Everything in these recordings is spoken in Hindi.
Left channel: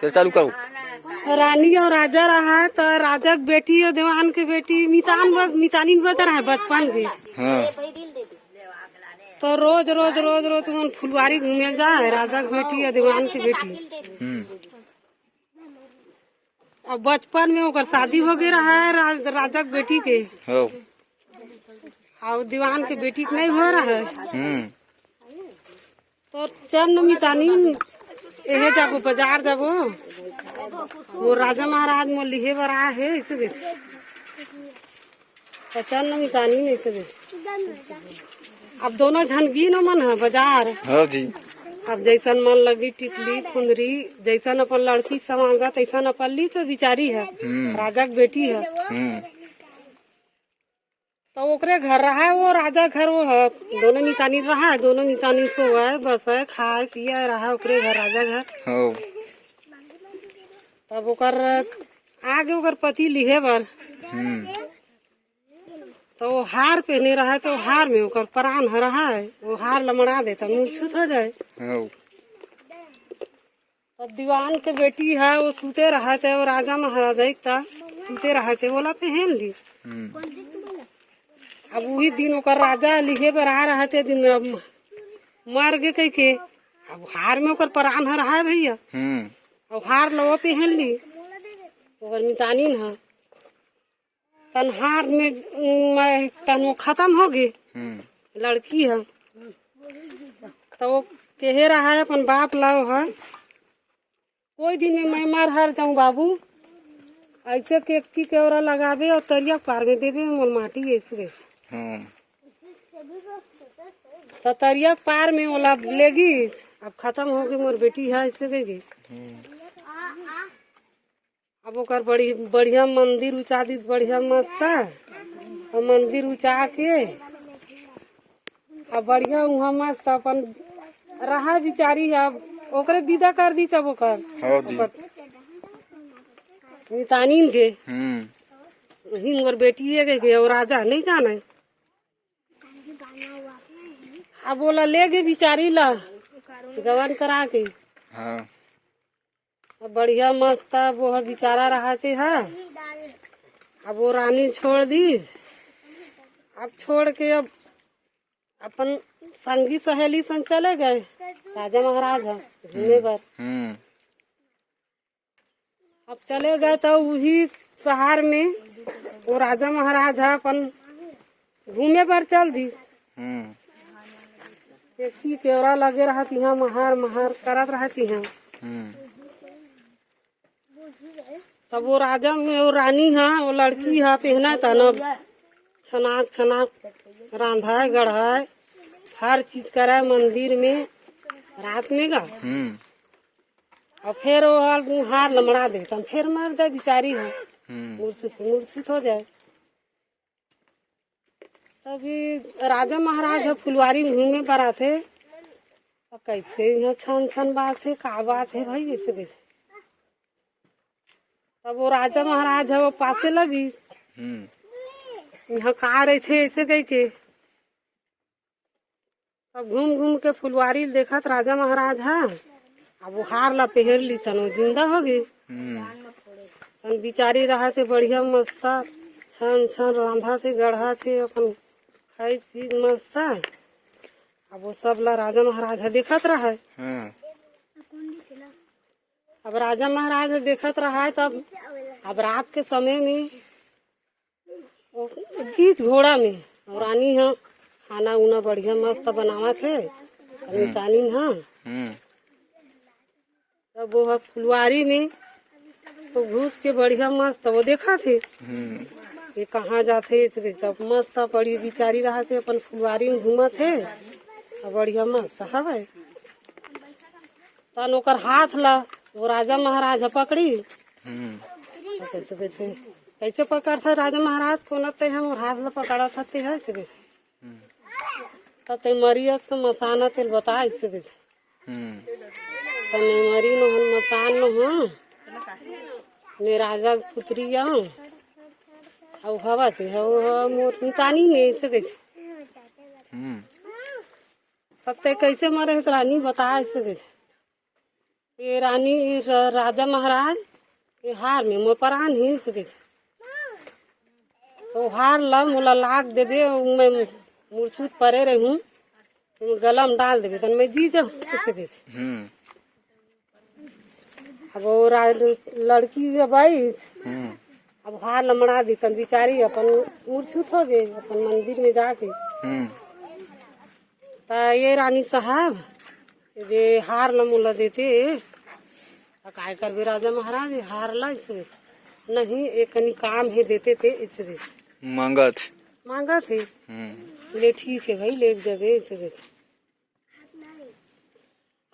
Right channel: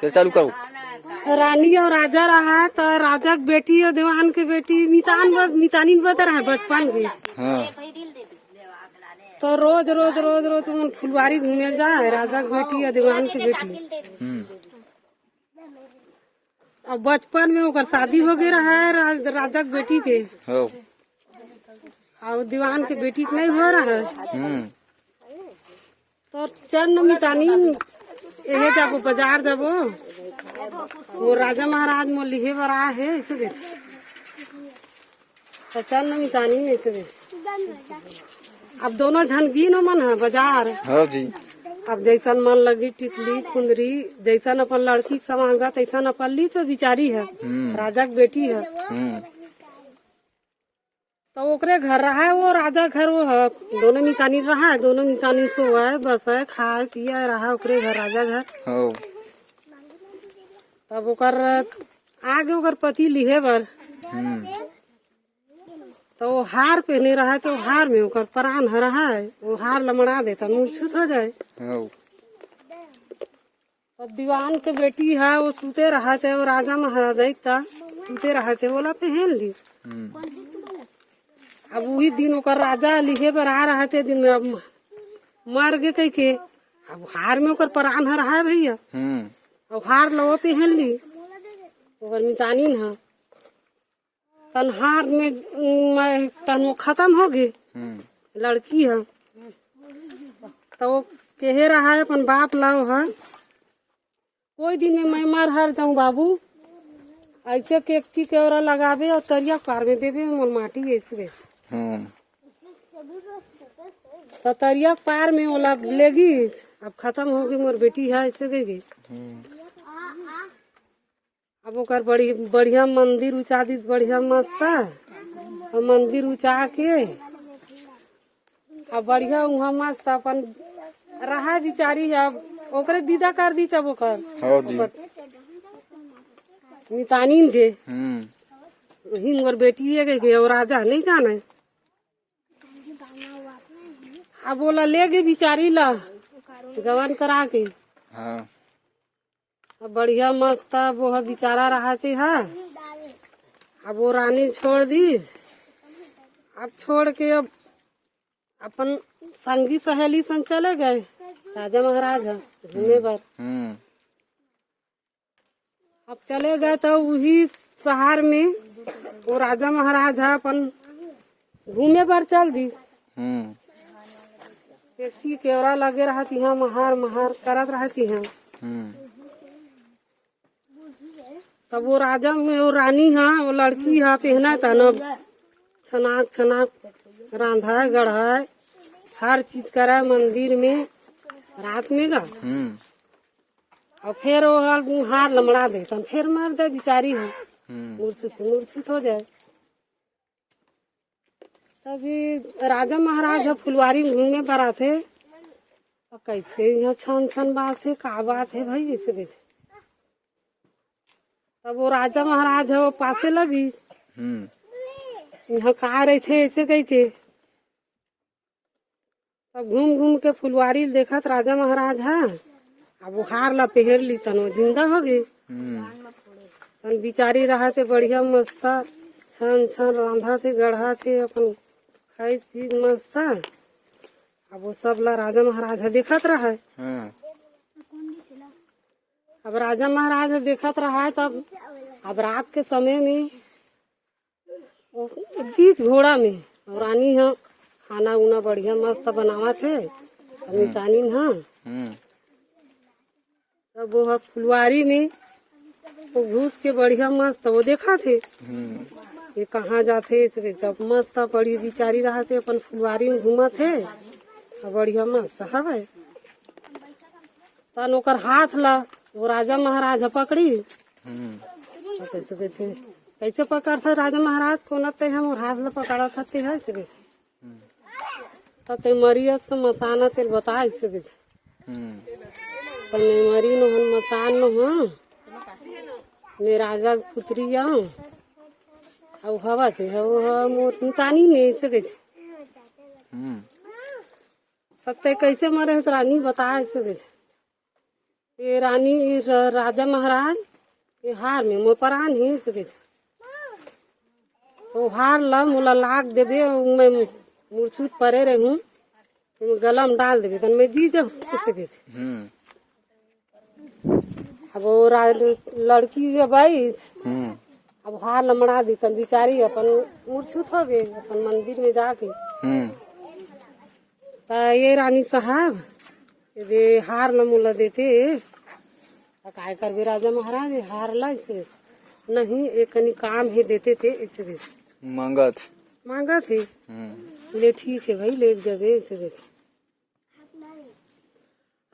चल चालू करो। रानी और राजा रहा तो राजा की बेटी और देवान की बेटी मितानी बता रहा है बचपन की। हाँ। तो रोज रोज रोज रोज मन फुलवारी घूमे जाए राजा की बेटी और देवान की बेटी। अब बचपन में ओकर शादी हो गई रहा है राजा की बेटी के हो। और दीवान के बेटी के नहीं हो रहा है। तो चंद मितानी यही जाबो बाजार जाबो वो राजा महाराज मोर लिहे बर आए है इसलिए तो चंद मितानी नहीं से अब दोनों झनगी न मन है बाजार। हाँ जी। अब जैसन मन लगी टिकली खुंदरी जैसन अपन लड़की समांगा तैसन अपन ली तो बिचारी है राजा की बेटी है। तो ओकरे घर रहा है वो राजा घर वो है दोनों नितानी रहा है दोनों नितानी से हुआ है बस है खाए पिया रहा ओकरे घर राजा घर। तब ओकर आगे ओकर पति लिहे बर तो वो हार पहने रहा है तो हार में ओकर प्राण हो रहा है वो हार लमड़ा दे तो मूर्छित हो जाए। तब दीवान के बेटी है वो सूते रहा थे वो राजा महाराजा का सूते रहा थे बोला पहन ली। अब वही दिन ओकर राजा लिखे बर आ रहे थे दिन में मार गए कही थे। अब हार में ओकर प्राण हो रहा है भैया। अब हार लो पहन ली ओकर मितानी है हार में तन खत्म हो गई लड़की है। तो वो कहे रहा है अपन बाप लाओ है कोई दिन में मैं मर हर जाऊँ बाबू ऐसे केकती केवरा लगावे और तरिया पार में देवे मोर माटी ऐसे तो तरिया पार में ओला लेगी अब खत्म हो गई मोर बेटी है ऐसे देगी। अब ओकर बड़ी बढ़िया मंदिर उचा दी बढ़िया मस्त है और मंदिर उचा के अब बढ़िया वहाँ मस्त अपन रहा बिचारी है। अब ओकरे विदा कर दी तब ओकर मितानी के वही मोर बेटी है और राजा नहीं जाना है। अब बोला ले गई बिचारी ला गवन करा के। अब बढ़िया मस्त वो बेचारा रहते है। अब वो रानी छोड़ दी अब छोड़ के अब अपन संगी सहेली संग चले गए राजा महाराज घूमने पर। अब चले गए तो वही शहर में वो राजा महाराज है अपन घूमे पर चल दी देखती केवरा लगे रहती है महार महार करत रहती है। तब वो राजा में वो रानी है वो लड़की है पहना था न छनाक छनाक रांधा गढ़ाए हर चीज कराए मंदिर में रात में गा और फिर वो हार लमड़ा देता फिर मर जाए बिचारी है मूर्छित हो जाए। तभी राजा महाराज फुलवारी घूमे पर थे अब कैसे यहाँ छन छन बात है का बात है भाई ऐसे देखे। तब वो राजा महाराज है वो पासे लगी यहाँ कहा रहे थे ऐसे कही थे। तब घूम घूम के फुलवारी देखत राजा महाराज है अब वो हार ला पहर ली तनो जिंदा हो गई तन बिचारी रहा थे बढ़िया मस्त छन छन रांधा थे गढ़ा थे अपन खाई चीज मस्त था। अब वो सब ला राजा महाराज देखत रहा है। अब राजा महाराज देखत रहा है तब अब रात के समय में गीत घोड़ा में रानी है खाना उना बढ़िया मस्त बनावत है मितानी है। तब वो फुलवारी में तो घुस के बढ़िया मस्त वो देखा थे ये कहाँ जाते तब मस्त बड़ी बिचारी रहा थे अपन फुलवारी में घूमा थे बढ़िया मस्त है। तन ओकर हाथ ला वो राजा महाराज पकड़ी कैसे पकड़ते राजा महाराज खोलते हैं और हाथ ला पकड़ा खाते है ते मरियत के मसाना तेल बता इसे मरी न मसान न हो मैं राजा पुत्री आऊँ और हवा थे मोर मितानी ने ऐसे कैसे सत्य कैसे मरे रानी बता ऐसे कैसे ये रानी राजा महाराज ये हार में मोपरान ही सके तो हार ला मोला लाग देबे मैं मूर्छित परे रहूं गलम डाल देबे तो मैं जी जाऊं सके। अब वो लड़की जब आई अब हार लमड़ा दी तन बिचारी अपन मूर्छित हो गए अपन मंदिर में जाके। ये रानी साहब ये हार लमुला देते काय कर भी राजा महाराज हार ला इसे नहीं एक कनी काम है देते थे इसे मांगा थे ले ठीक है भाई ले जबे इसे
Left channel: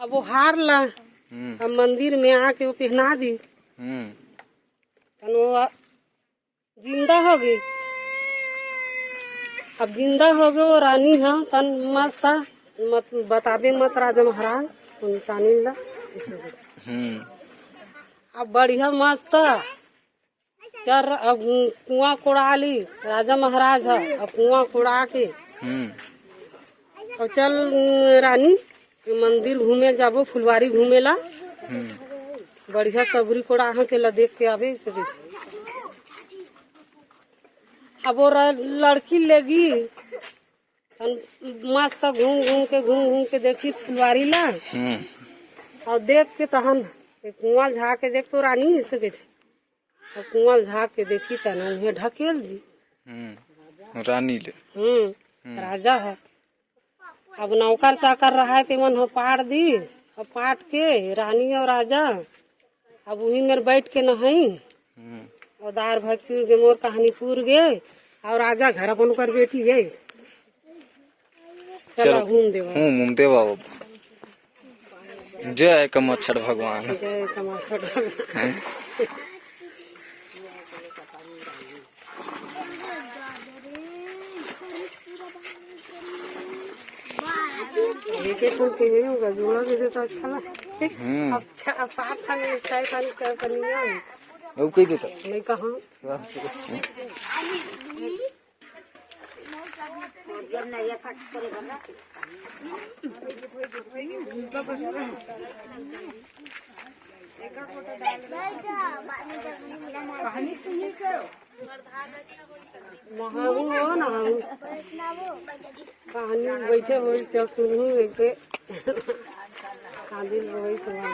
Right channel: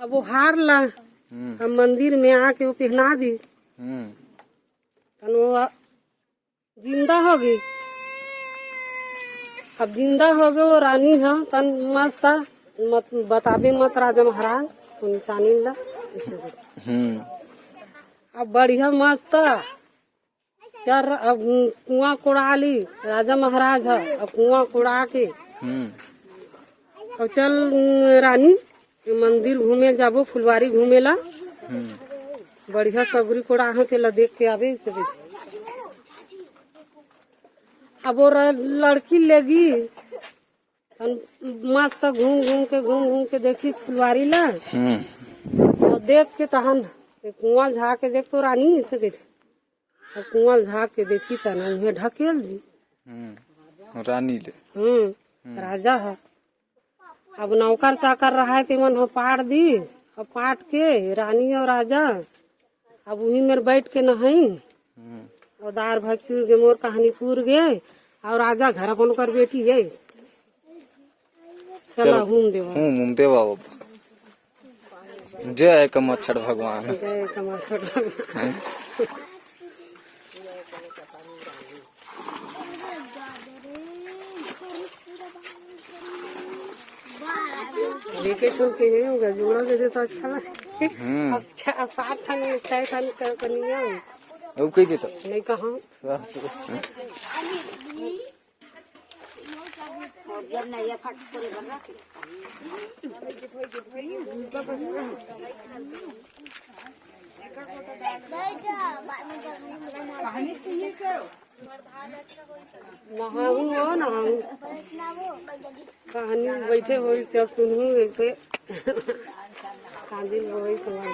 अब वो हार ला अब मंदिर में आके वो पहना दी वो जिंदा हो गई। अब जिंदा हो गए वो रानी है तन मस्त मत बता दे मत राजा महाराज तानी ला अब बढ़िया मस्त चर अब कुआं कुड़ा ली राजा महाराज है अब कुआं कुड़ा के अब चल रानी मंदिर घूमे जाबो फुलवारी घूमे ला बढ़िया सबरी कोड़ा के ला देख के आवे से। अब वो लड़की लेगी मस्त घूम घूम के देखी फुलवारी ला और देख के तो हम कुआं झाँक के देख तो रानी से और कुआं झाँक के देखी तो उन्हें ढकेल दी रानी ले राजा है। अब नौकर चाकर रहा है मन हो पाट दी और पाट के रानी और राजा अब वही मेरे बैठ के नहाई और दार भचूर के मोर कहानी पूर गए और राजा घर अपन कर बेटी गए। चलो घूम दे बाबा जय कमच्छड़ भगवान जय कमच्छड़ लेके फूल के होगा जोड़ा दे तो अच्छा लगता है। अच्छा पाठ खाने चाय खाने करनिया अब कही देता नहीं कहाँ नहाऊँ नहाऊँ कहानी बैठे हुई सब सुनूँ एक कांदी वही सुना